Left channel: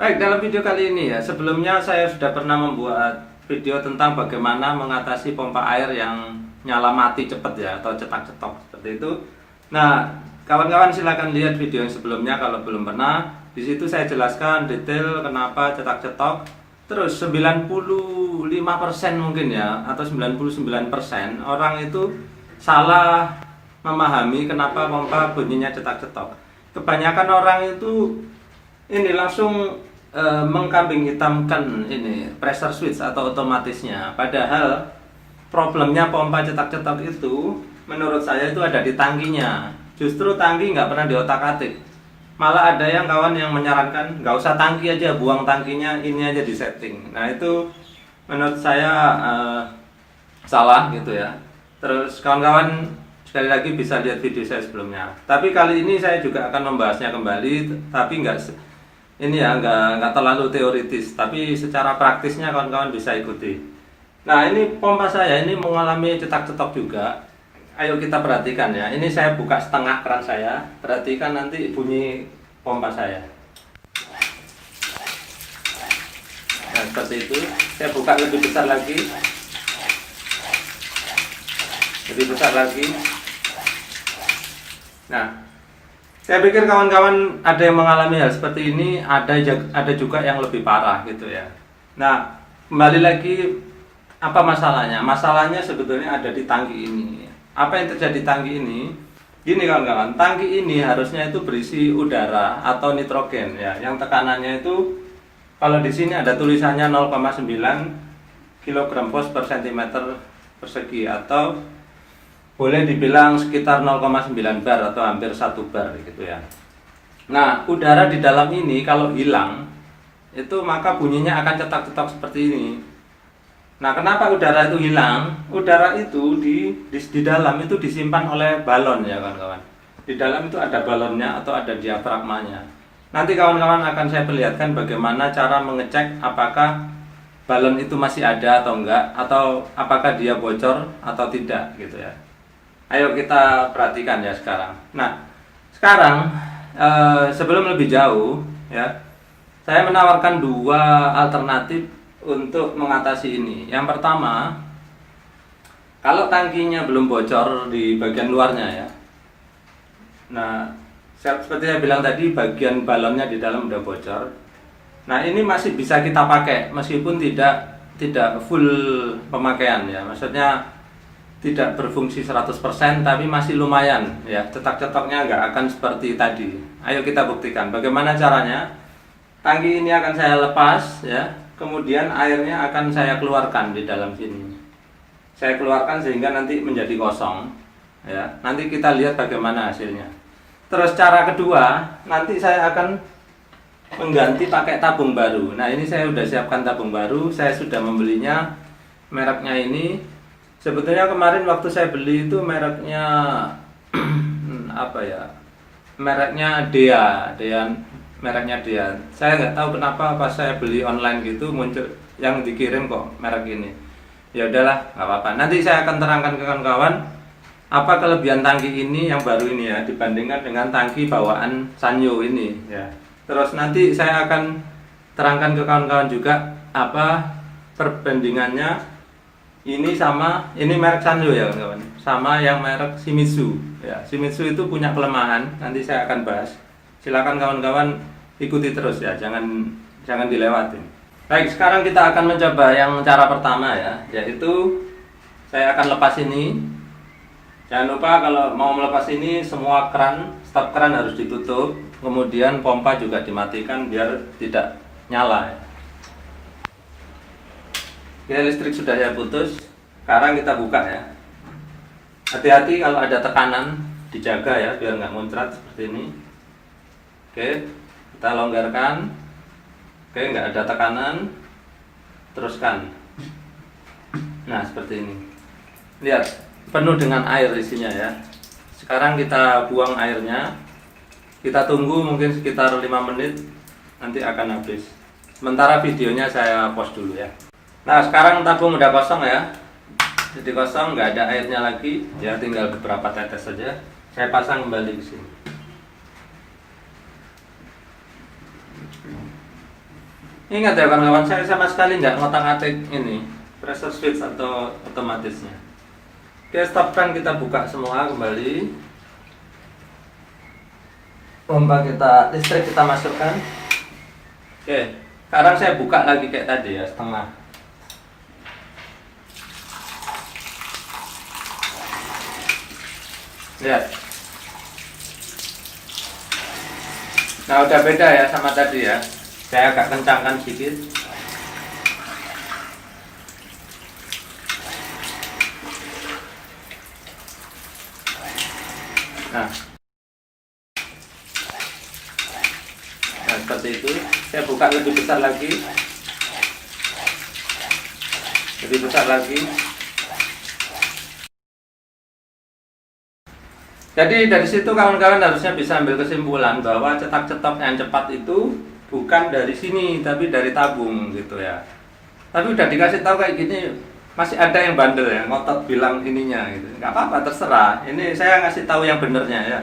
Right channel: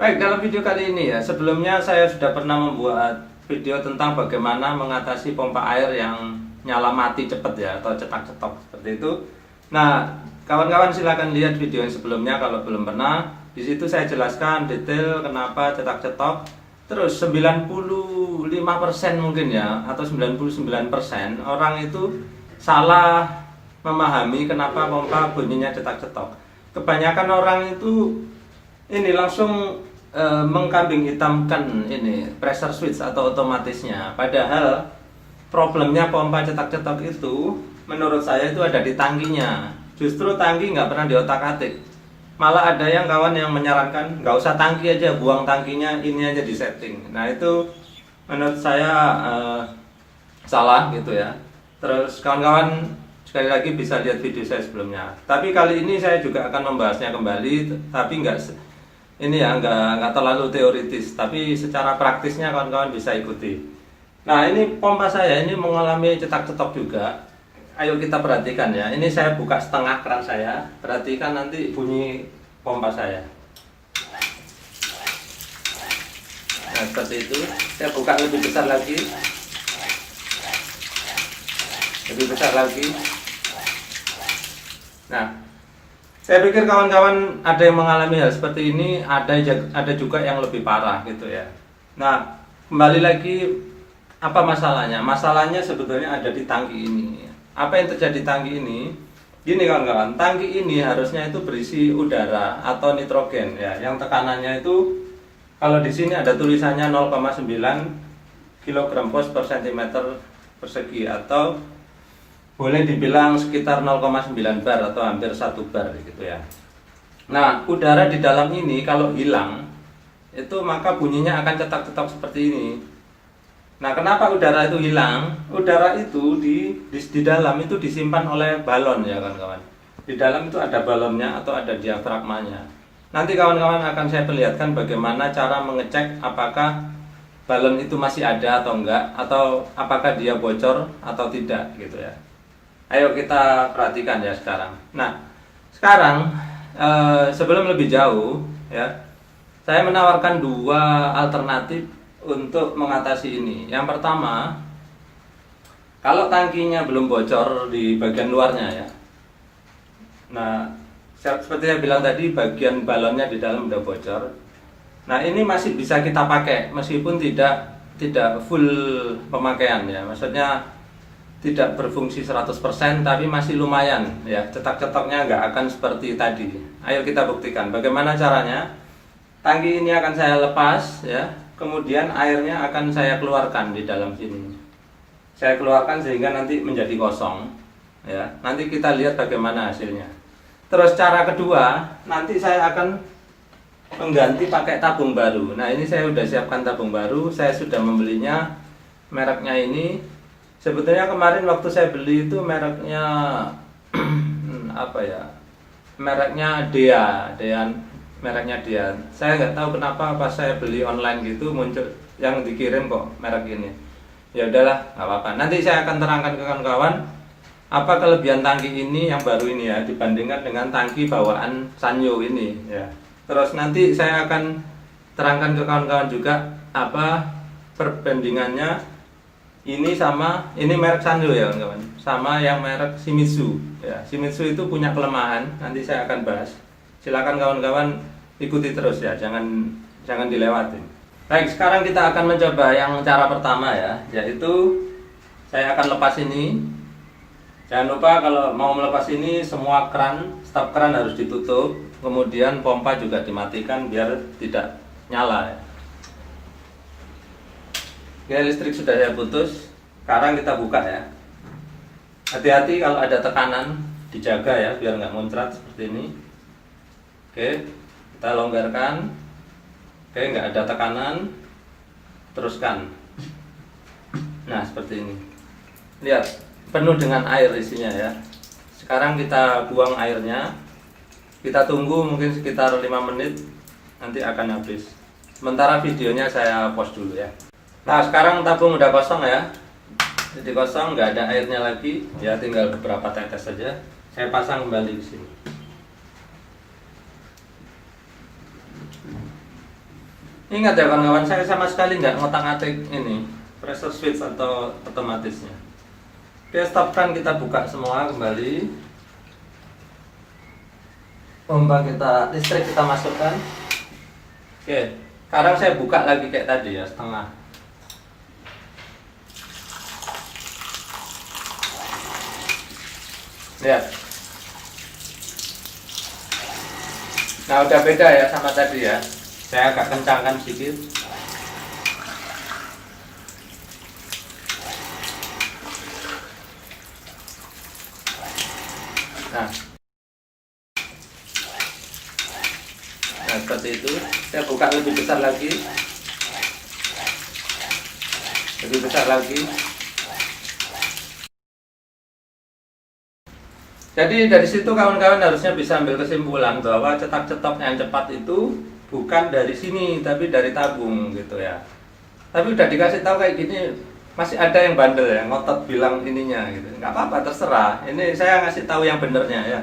Baik, dalam video kali ini ya, sebelumnya saya sudah pernah membuat video tentang bagaimana mengatasi pompa air yang nyala mati cepat ya, atau cetak-cetok seperti itu. Nah, kawan-kawan silakan lihat video yang sebelumnya kalau belum pernah. Di situ saya jelaskan detail kenapa cetak-cetok. Terus 95% mungkin ya, atau 99% orang itu salah memahami kenapa pompa bunyinya cetak-cetok. Kebanyakan orang itu ini langsung mengkambing hitamkan ini pressure switch atau otomatisnya. Padahal problemnya pompa cetak-cetok itu menurut saya itu ada di tangkinya. Justru tangki nggak pernah diotak-atik. Malah ada yang kawan yang menyarankan nggak usah tangki aja, buang tangkinya, ini aja di setting. Nah itu menurut saya salah gitu ya. Terus kawan-kawan sekali lagi bisa lihat video saya sebelumnya. Tapi kali ini saya juga akan membahasnya kembali, tapi nggak terlalu teoritis, tapi secara praktisnya kawan-kawan bisa ikuti. Nah ini pompa saya ini mengalami cetak-cetok juga. Ayo kita perhatikan ya. Ini saya buka setengah keran saya. Perhatikan nanti bunyi pompa saya. Nah seperti itu. Saya buka lebih besar lagi. Lebih besar lagi. Nah, saya pikir kawan-kawan ada yang mengalami hal seperti ini, ada juga yang lebih parah gitu ya. Nah, kembali lagi, apa masalahnya? Masalahnya sebetulnya ada di tangki ini. Apa yang terjadi di tangki ini? Gini kawan-kawan, tangki ini harusnya itu berisi udara atau nitrogen ya. Yang tekanannya itu kalau di sini ada tulisannya 0,9 kg per cm persegi, atau boleh dibilang sekitar 0,9 bar atau hampir 1 bar gitu ya. Nah, udara di dalam ini kalau hilang itu maka bunyinya akan cetak-cetak seperti ini. Nah, kenapa udara itu hilang? Udara itu di dalam itu disimpan oleh balon ya kawan-kawan. Di dalam itu ada balonnya atau ada diafragmanya. Nanti kawan-kawan akan saya perlihatkan bagaimana cara mengecek apakah balon itu masih ada atau enggak, atau apakah dia bocor atau tidak gitu ya. Ayo kita perhatikan ya sekarang. Nah, sekarang sebelum lebih jauh ya, saya menawarkan dua alternatif untuk mengatasi ini. Yang pertama, kalau tangkinya belum bocor di bagian luarnya ya. Nah, seperti yang bilang tadi, bagian balonnya di dalam udah bocor. Nah, ini masih bisa kita pakai meskipun tidak full pemakaian ya. Maksudnya tidak berfungsi 100%, tapi masih lumayan ya, cetak-cetaknya nggak akan seperti tadi. Ayo kita buktikan bagaimana caranya. Tangki ini akan saya lepas ya, kemudian airnya akan saya keluarkan di dalam sini. Saya keluarkan sehingga nanti menjadi kosong ya. Nanti kita lihat bagaimana hasilnya. Terus cara kedua, nanti saya akan mengganti pakai tabung baru. Nah ini saya sudah siapkan tabung baru, saya sudah membelinya. Mereknya ini sebetulnya kemarin waktu saya beli itu mereknya apa ya? Mereknya Dea, mereknya Dea. Saya nggak tahu kenapa pas saya beli online gitu muncul yang dikirim kok merek ini. Ya udahlah, nggak apa-apa. Nanti saya akan terangkan ke kawan-kawan apa kelebihan tangki ini yang baru ini ya dibandingkan dengan tangki bawaan Sanyo ini ya. Terus nanti saya akan terangkan ke kawan-kawan juga apa perbandingannya ini sama ini merek Sanyo ya kawan-kawan, sama yang merek Shimizu ya. Shimizu itu punya kelemahan, nanti saya akan bahas. Silakan kawan-kawan ikuti terus ya, jangan dilewatin. Baik, sekarang kita akan mencoba yang cara pertama ya, yaitu saya akan lepas ini. Jangan lupa kalau mau melepas ini semua stop keran harus ditutup, kemudian pompa juga dimatikan biar tidak nyala ya. Ya, listrik sudah saya putus. Sekarang kita buka ya. Hati-hati kalau ada tekanan, dijaga ya biar nggak muncrat seperti ini. Oke, kita longgarkan. Oke, nggak ada tekanan. Teruskan. Nah seperti ini. Lihat, penuh dengan air isinya ya. Sekarang kita buang airnya. Kita tunggu mungkin sekitar 5 menit, nanti akan habis. Sementara videonya saya pause dulu ya. Nah sekarang tabung udah kosong ya, jadi kosong, nggak ada airnya lagi ya, tinggal beberapa tetes saja. Saya pasang kembali ke sini. Ingat ya kawan-kawan, saya sama sekali nggak ngotak-atik ini pressure switch atau otomatisnya. Oke, stopkan, kita buka semua kembali. Pompa kita, listrik kita masukkan. Oke, sekarang saya buka lagi kayak tadi ya, setengah. Lihat. Nah, udah beda ya sama tadi ya. Saya agak kencangkan sedikit. Nah, seperti itu. Saya buka lebih besar lagi. Lebih besar lagi. Jadi dari situ kawan-kawan harusnya bisa ambil kesimpulan bahwa cetak-cetok yang cepat itu bukan dari sini, tapi dari tabung gitu ya. Tapi udah dikasih tahu kayak gini, masih ada yang bandel ya, ngotot bilang ininya gitu. Nggak apa-apa, terserah. Ini saya ngasih tahu yang benernya ya.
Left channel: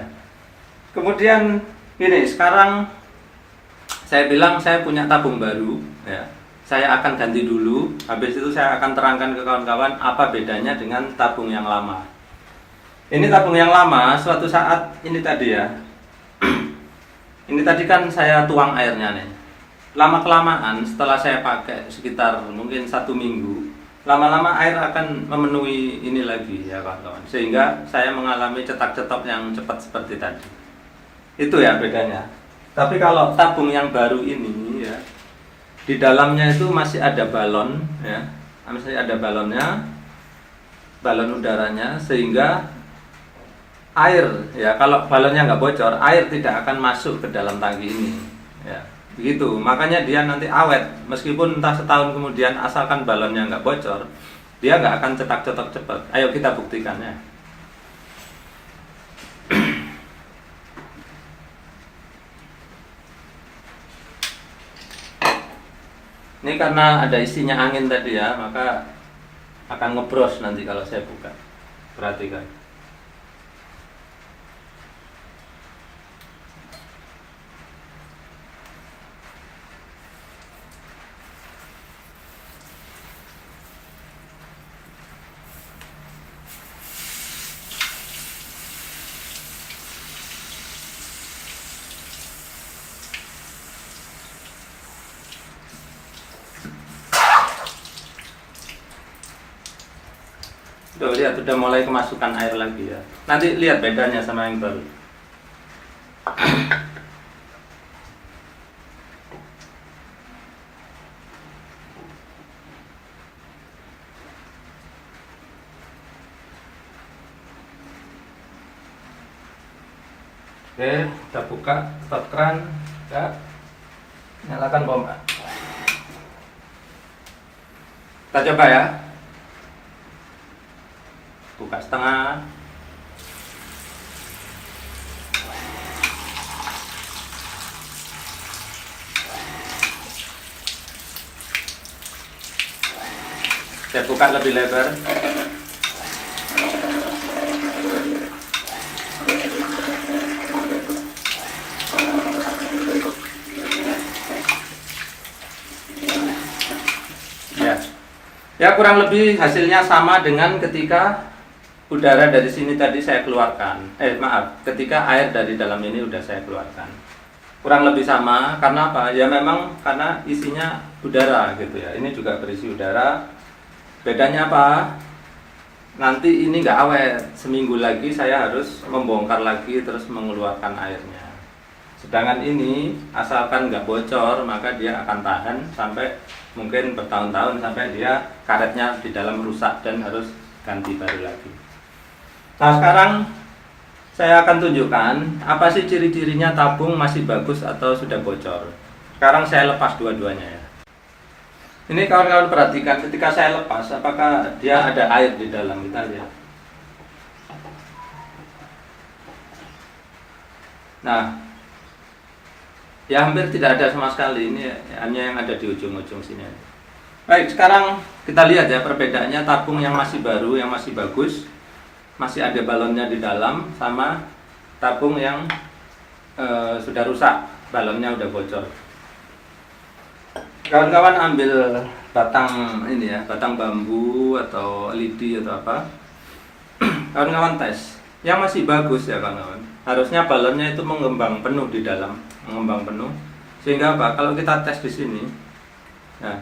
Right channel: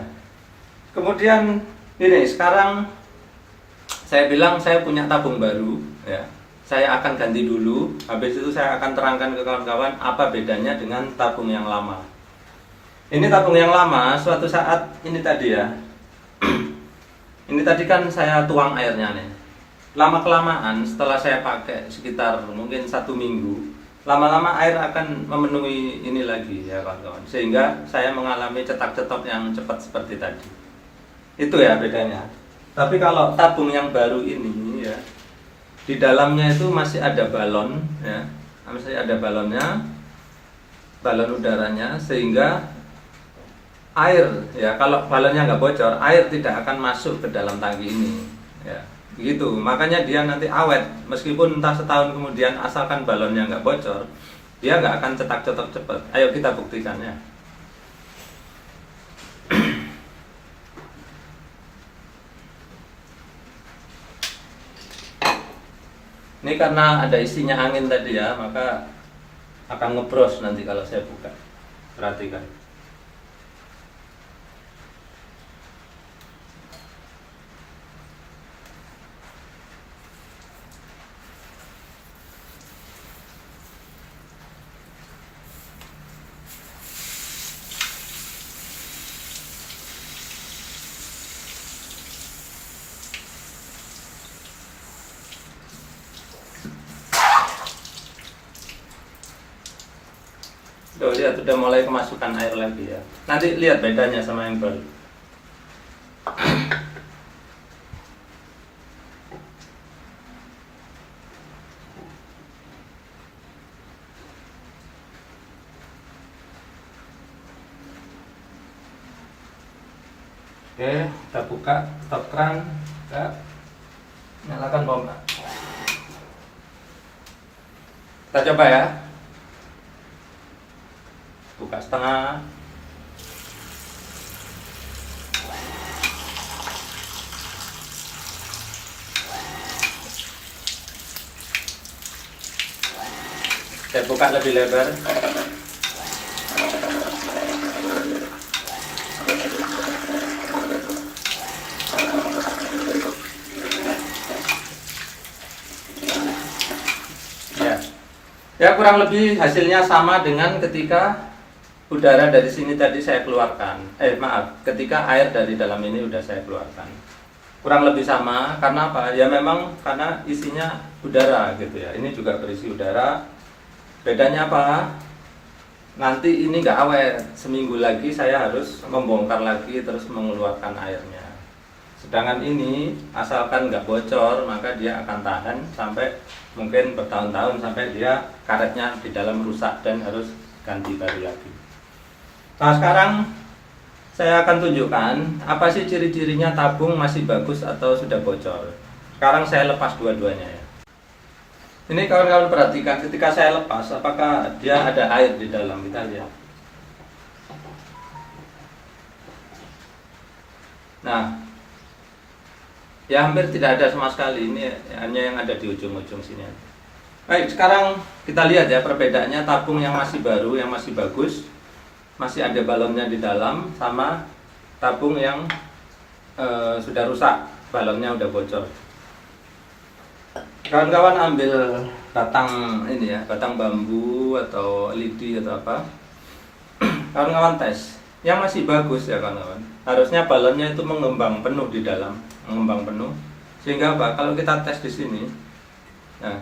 Kemudian ini sekarang saya bilang saya punya tabung baru ya. Saya akan ganti dulu. Habis itu saya akan terangkan ke kawan-kawan apa bedanya dengan tabung yang lama. Ini tabung yang lama, suatu saat ini tadi ya. Ini tadi kan saya tuang airnya nih. Lama-kelamaan setelah saya pakai sekitar mungkin 1 minggu, lama-lama air akan memenuhi ini lagi ya kawan-kawan. Sehingga saya mengalami cetak-cetok yang cepat seperti tadi. Itu ya bedanya. Tapi kalau tabung yang baru ini ya, di dalamnya itu masih ada balon ya. Masih ada balonnya, balon udaranya, sehingga air ya, kalau balonnya nggak bocor, air tidak akan masuk ke dalam tangki ini ya, begitu. Makanya dia nanti awet meskipun entah setahun kemudian, asalkan balonnya nggak bocor, dia nggak akan cetak-cetak cepat. Ayo kita buktikan ya. Ini karena ada isinya angin tadi ya, maka akan ngebros nanti kalau saya buka. Perhatikan. Tuh, lihat udah mulai kemasukan air lagi ya. Nanti lihat bedanya sama yang baru. Oke, kita buka stop keran, kita nyalakan pompa. Kita coba ya. Buka setengah. Saya buka lebih lebar. Ya, kurang lebih hasilnya sama dengan ketika udara dari sini tadi saya keluarkan. Ketika air dari dalam ini udah saya keluarkan. Kurang lebih sama, karena apa? Ya memang karena isinya udara gitu ya. Ini juga berisi udara. Bedanya apa? Nanti ini nggak awet. Seminggu lagi saya harus membongkar lagi terus mengeluarkan airnya. Sedangkan ini asalkan nggak bocor, maka dia akan tahan sampai mungkin bertahun-tahun, sampai dia karetnya di dalam rusak dan harus ganti baru lagi. Nah, sekarang saya akan tunjukkan apa sih ciri-cirinya tabung masih bagus atau sudah bocor. Sekarang saya lepas dua-duanya ya. Ini kawan-kawan perhatikan, ketika saya lepas apakah dia ada air di dalam, kita lihat. Nah, ya hampir tidak ada sama sekali, ini hanya yang ada di ujung-ujung sini. Baik, sekarang kita lihat ya perbedaannya tabung yang masih baru, yang masih bagus, masih ada balonnya di dalam, sama tabung yang sudah rusak, balonnya udah bocor. Kawan-kawan ambil batang ini ya, batang bambu atau lidi atau apa. Kawan-kawan tes. Yang masih bagus ya kawan-kawan. Harusnya balonnya itu mengembang penuh di dalam, mengembang penuh. Sehingga apa? Kalau kita tes di sini, nah,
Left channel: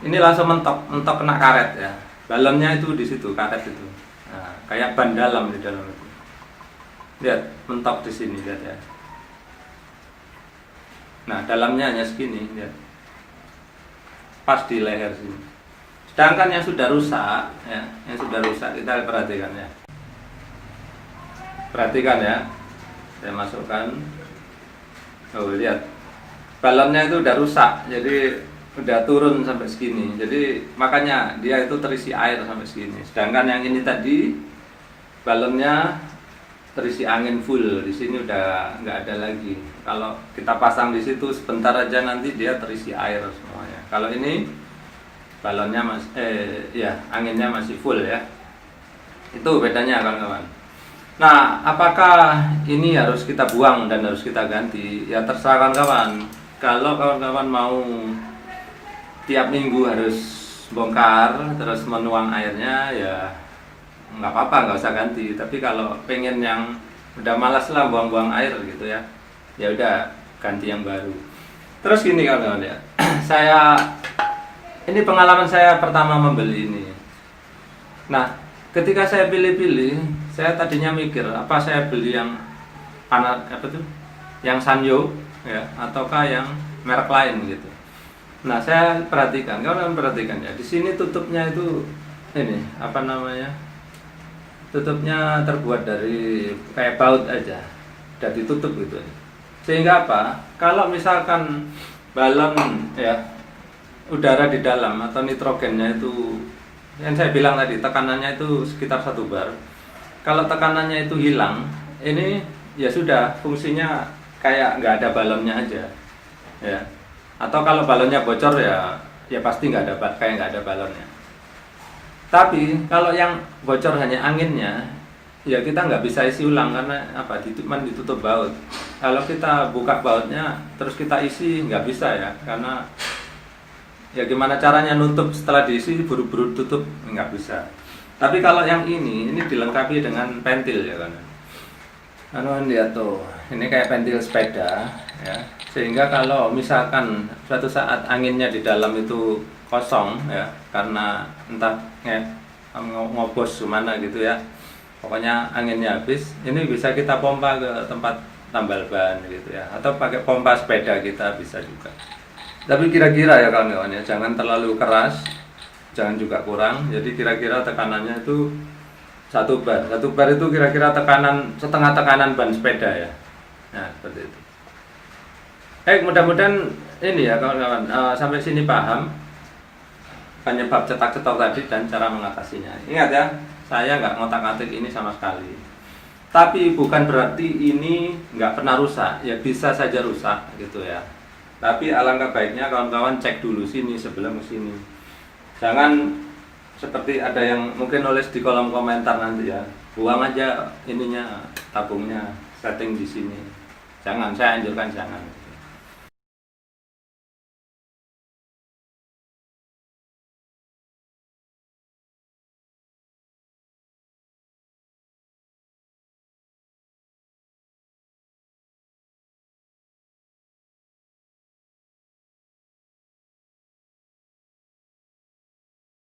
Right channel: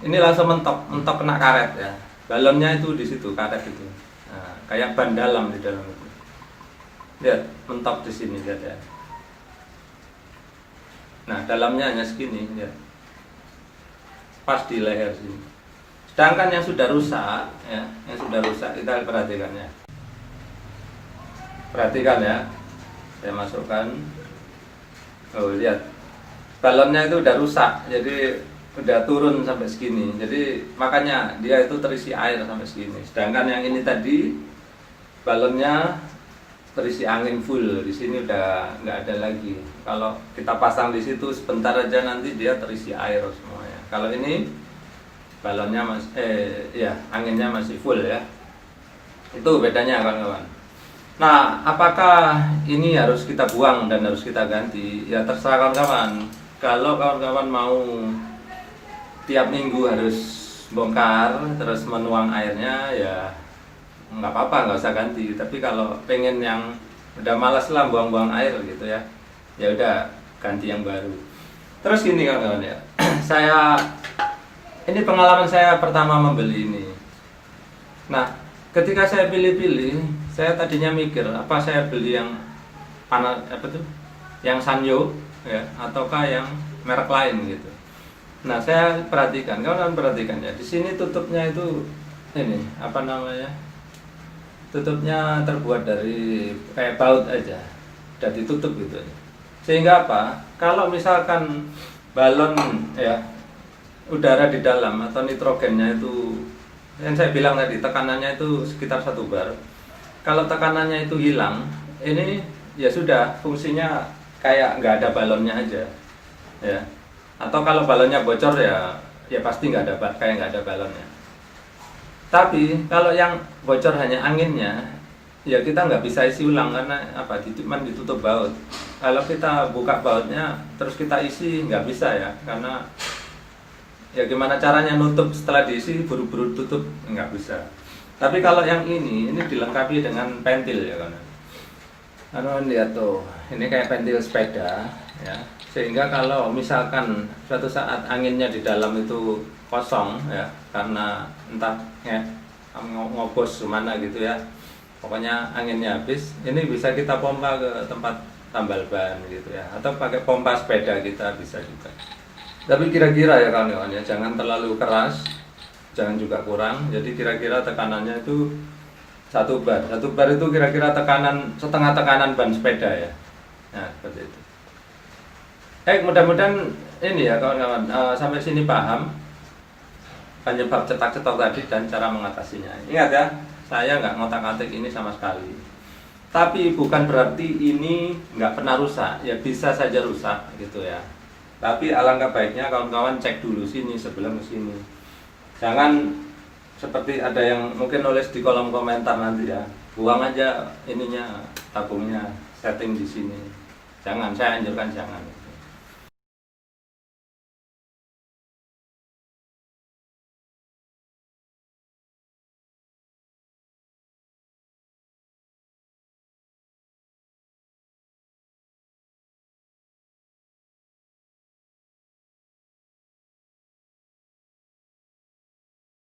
ini langsung mentok, mentok kena karet ya. Balonnya itu di situ, karet itu. Nah, kayak ban dalam di dalam itu. Lihat, mentok di sini, lihat ya. Nah, dalamnya hanya segini, lihat. Pas di leher sini. Sedangkan yang sudah rusak, ya, yang sudah rusak kita perhatikan ya. Perhatikan ya. Saya masukkan. Oh, lihat. Balonnya itu udah rusak, jadi udah turun sampai segini. Jadi makanya dia itu terisi air sampai segini. Sedangkan yang ini tadi balonnya terisi angin full. Di sini udah nggak ada lagi. Kalau kita pasang di situ sebentar aja nanti dia terisi air semuanya. Kalau ini balonnya anginnya masih full ya. Itu bedanya kawan-kawan. Nah, apakah ini harus kita buang dan harus kita ganti? Ya terserah kawan-kawan. Kalau kawan-kawan mau tiap minggu harus bongkar terus menuang airnya, ya nggak apa-apa, nggak usah ganti. Tapi kalau pengen yang udah malas lah buang-buang air gitu ya, ya udah ganti yang baru. Terus gini kawan-kawan ya, ini pengalaman saya pertama membeli ini. Nah, ketika saya pilih-pilih, saya tadinya mikir apa saya beli yang yang Sanyo ya, ataukah yang merek lain gitu. Nah, saya perhatikan, kawan-kawan perhatikan ya, di sini tutupnya itu ini tutupnya terbuat dari kayak baut aja, udah ditutup gitu. Sehingga apa? Kalau misalkan balon ya udara di dalam atau nitrogennya itu yang saya bilang tadi tekanannya itu sekitar 1 bar. Kalau tekanannya itu hilang, ini ya sudah fungsinya kayak nggak ada balonnya aja, ya. Atau kalau balonnya bocor ya pasti nggak ada balonnya. Tapi kalau yang bocor hanya anginnya, ya kita nggak bisa isi ulang karena ditutup baut. Kalau kita buka bautnya terus kita isi nggak bisa ya, karena ya gimana caranya nutup setelah diisi buru-buru tutup, nggak bisa. Tapi kalau yang ini dilengkapi dengan pentil ya kan. Lihat tuh, ini kayak pentil sepeda ya. Sehingga kalau misalkan suatu saat anginnya di dalam itu kosong ya, karena entah ngobos mana gitu ya, pokoknya anginnya habis, ini bisa kita pompa ke tempat tambal ban gitu ya, atau pakai pompa sepeda kita bisa juga. Tapi kira-kira ya kawan-kawan ya, jangan terlalu keras, jangan juga kurang. Jadi kira-kira tekanannya itu 1 bar. 1 bar itu kira-kira setengah tekanan ban sepeda ya. Nah, seperti itu. Mudah-mudahan ini ya kawan-kawan, sampai sini paham penyebab cetak-cetok tadi dan cara mengatasinya. Ingat ya, saya nggak ngotak-ngatik ini sama sekali. Tapi bukan berarti ini nggak pernah rusak, ya bisa saja rusak gitu ya. Tapi alangkah baiknya kawan-kawan cek dulu sini sebelum sini. Jangan seperti ada yang mungkin nulis di kolom komentar nanti ya, buang aja ininya, tabungnya, setting di sini. Jangan, saya anjurkan jangan.